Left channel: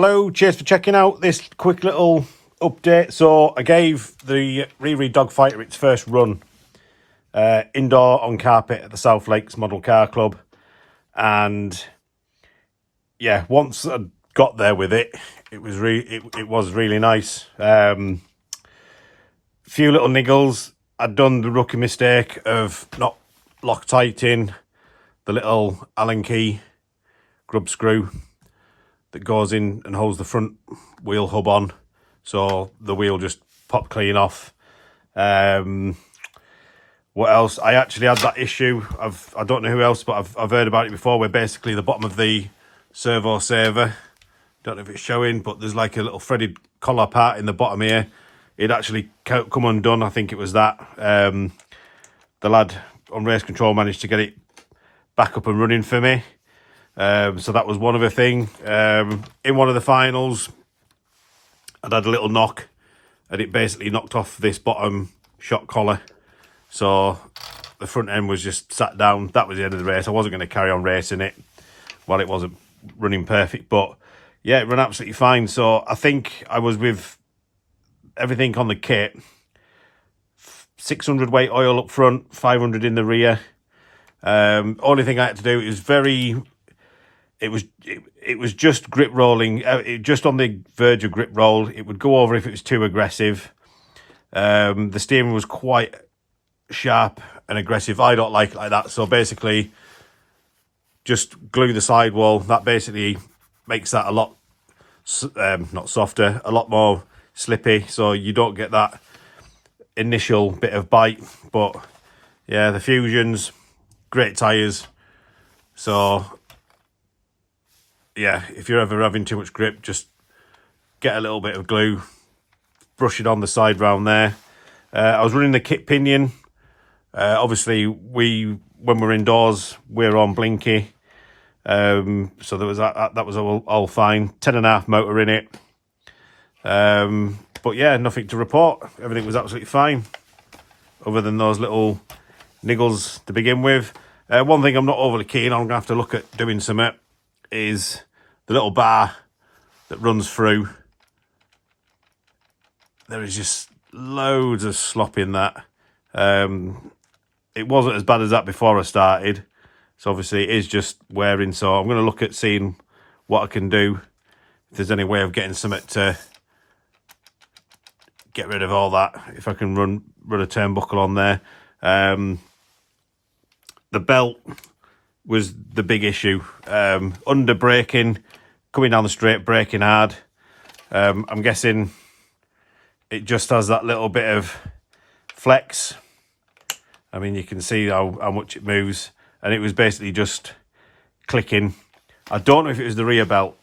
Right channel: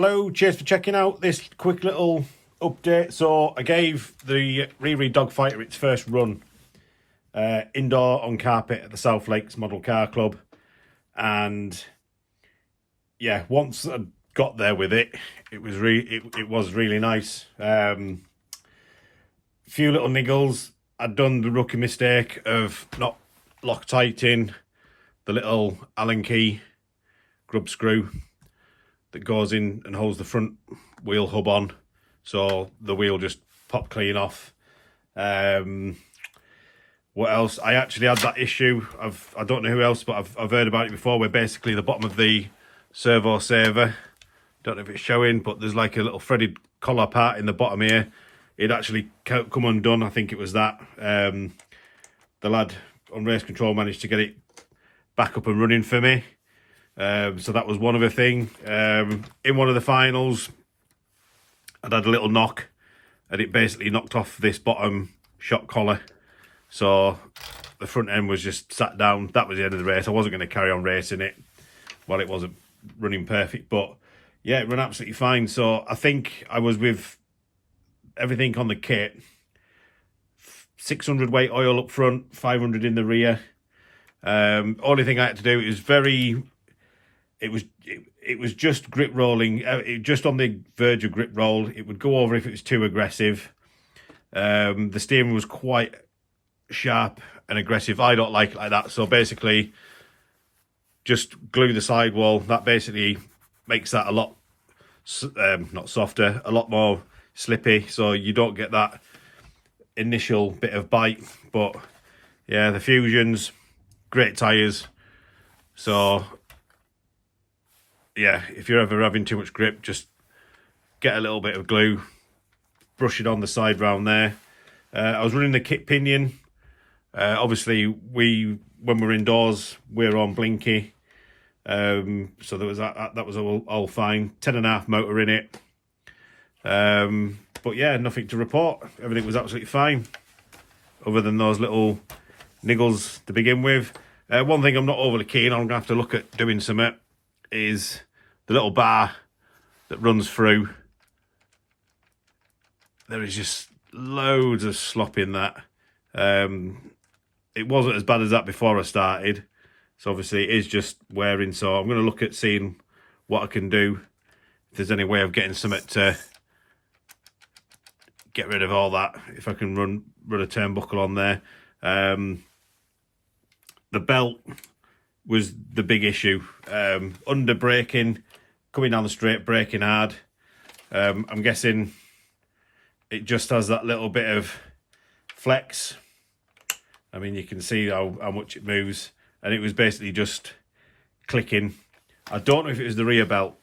Hello, cheers for checking out this quick little update. So I gave the Riri Dogfighter its first run indoor on carpet at the South Lakes Model Car Club, and yeah, once I got there with it, it was really nice. Few little niggles. I'd done the rookie mistake of not Loctiting the little Allen key grub screw that goes in and holds the front wheel hub on, so the wheel just popped clean off. What else? I actually had that issue. I don't know who else, but I've heard about it before, where basically the bottom of the servo saver, don't know if it's showing, but there's like a little threaded collar part in the bottom here. It actually come undone. I think it was that. The lad on race control managed to get it back up and running for me. So that was one other thing. In one of the finals, I'd had a little knock, and it basically knocked off this bottom shock collar. So the front end was just sat down. That was the end of the race. I wasn't going to carry on racing it while it wasn't running perfect. But yeah, it ran absolutely fine. So I think I was with everything on the kit. 600 weight oil up front, 500 in the rear. Only thing I had to do is it was just grip rolling, just on the verge of grip roll. It would go over if it was too aggressive. The steering was quite sharp and aggressive. I don't like it like that. So basically, just glue the sidewall. That basically makes that a lot, not softer, a lot more slippy. So you don't get that initial bit of bite. But yeah, the Fusions, great tyres. So yeah, if you're ever having too much grip, just get a little bit of glue, brush it on the side round there. I was running the kit pinion. Obviously, when we're indoors, we're on blinky. So there was that was all fine. 10.5 motor in it. But yeah, nothing to report. Everything was absolutely fine, other than those little niggles to begin with. One thing I'm not overly keen on, I'm going to have to look at doing something, is the little bar that runs through. There is just loads of slop in that. It wasn't as bad as that before I started, so obviously it is just wearing. So I'm going to look at seeing what I can do, if there's any way of getting something to get rid of all that, if I can run a turnbuckle on there. The belt was the big issue. Under braking, coming down the straight, braking hard. I'm guessing it just has that little bit of flex. I mean, you can see how much it moves, and it was basically just clicking. I don't know if it was the rear belt.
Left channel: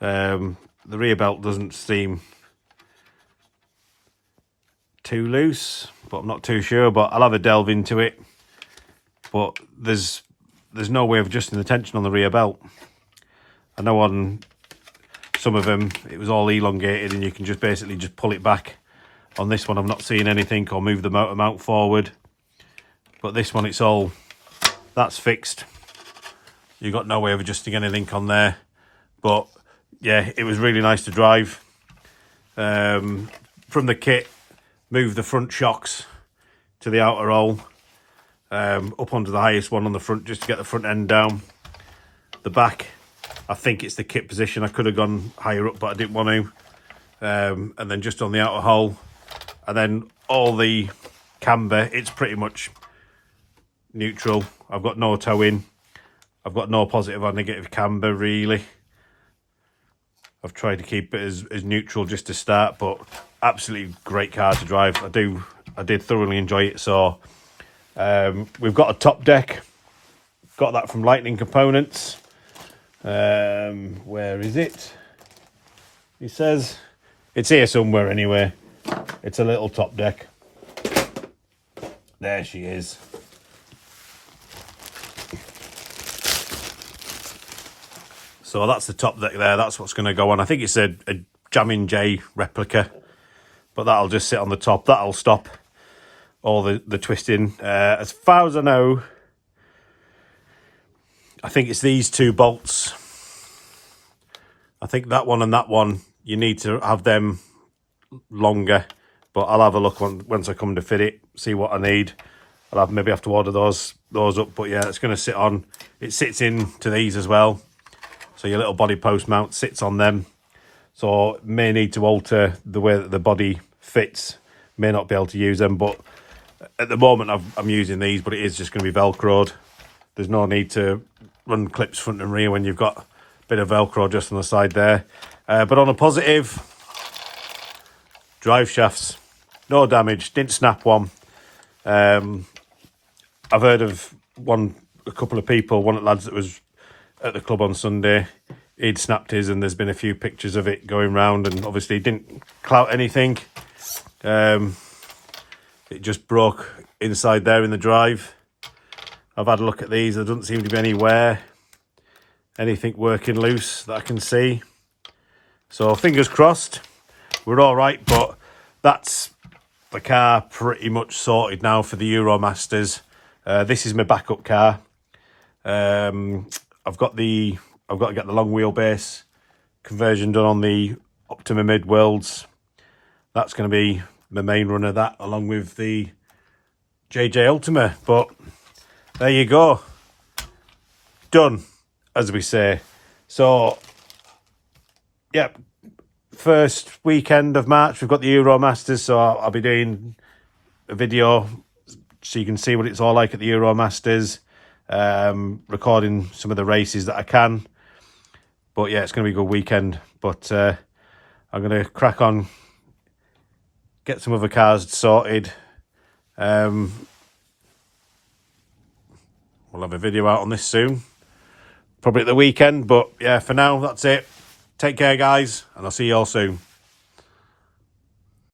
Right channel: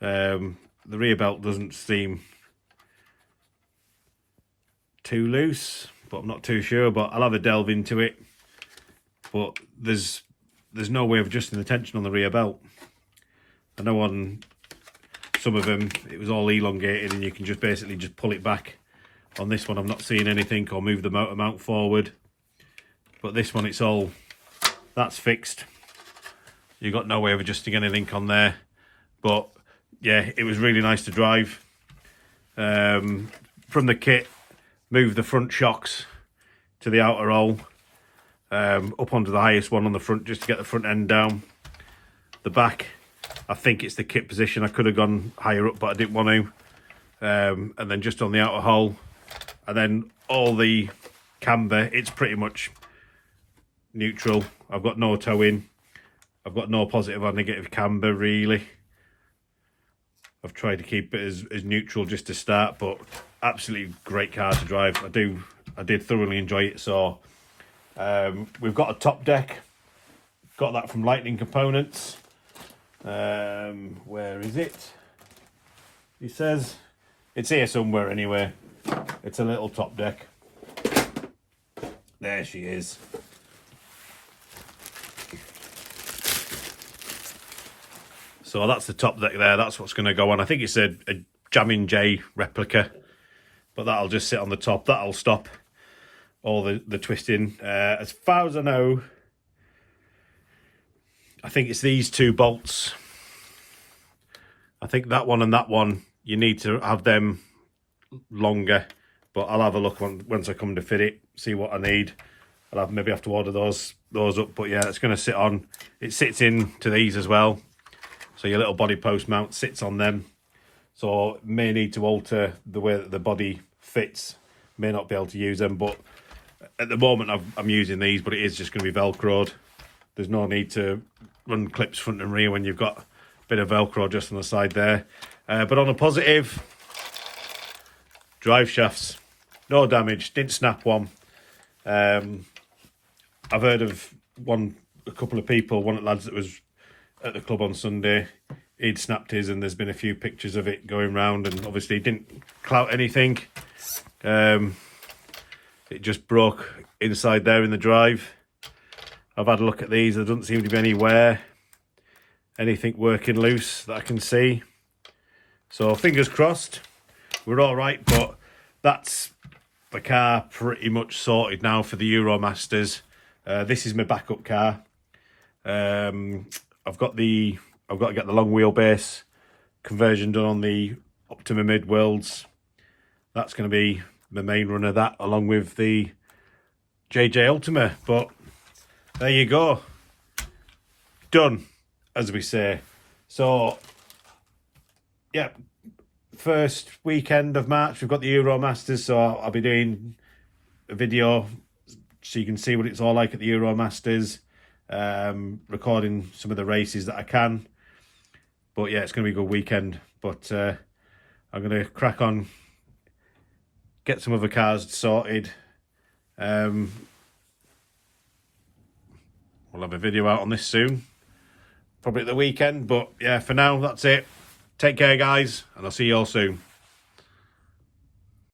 The rear belt doesn't seem too loose, but I'm not too sure. But I'll have a delve into it. But there's no way of adjusting the tension on the rear belt. I know on some of them it was all elongated, and you can just basically just pull it back. On this one, I'm not seeing anything, or move the motor mount forward. But this one, that's fixed. You've got no way of adjusting anything on there. But yeah, it was really nice to drive. From the kit, move the front shocks to the outer hole. Up onto the highest one on the front, just to get the front end down. The back, I think it's the kit position. I could have gone higher up, but I didn't want to. And then just on the outer hole. And then all the camber, it's pretty much neutral. I've got no toe in. I've got no positive or negative camber, really. I've tried to keep it as neutral just to start, but absolutely great car to drive. I did thoroughly enjoy it. So we've got a top deck. Got that from Lightning Components. Where is it? He says it's here somewhere anyway. It's a little top deck. There she is. So that's the top deck there. That's what's going to go on. I think it's a Jammin' J replica, but that'll just sit on the top. That'll stop all the twisting. As far as I know, I think it's these two bolts I think that one and that one, you need to have them longer, but I'll have a look once I come to fit it, see what I need. I'll maybe have to order those up, but yeah, it's going to sit on. It sits into these as well, so your little body post mount sits on them. So may need to alter the way that the body fits. May not be able to use them, but at the moment I'm using these, but it is just going to be Velcroed. There's no need to run clips front and rear when you've got a bit of Velcro just on the side there. But on a positive, drive shafts, no damage, didn't snap one. I've heard of a couple of people, one of the lads that was at the club on Sunday, he'd snapped his, and there's been a few pictures of it going round, and obviously it didn't clout anything. It just broke inside there in the drive. I've had a look at these, there doesn't seem to be any wear, anything working loose that I can see. So fingers crossed, we're all right, but that's the car pretty much sorted now for the Euromasters. This is my backup car. I've got to get the long wheelbase conversion done on the Optima Mid Worlds. That's going to be the main run of that, along with the JJ Ultima. But there you go, done, as we say. So yeah, first weekend of March, we've got the Euromasters, so I'll be doing a video so you can see what it's all like at the Euromasters, recording some of the races that I can. But yeah, it's going to be a good weekend. But I'm going to crack on, get some other cars sorted. We'll have a video out on this soon, probably at the weekend. But yeah, for now, that's it. Take care, guys, and I'll see you all soon.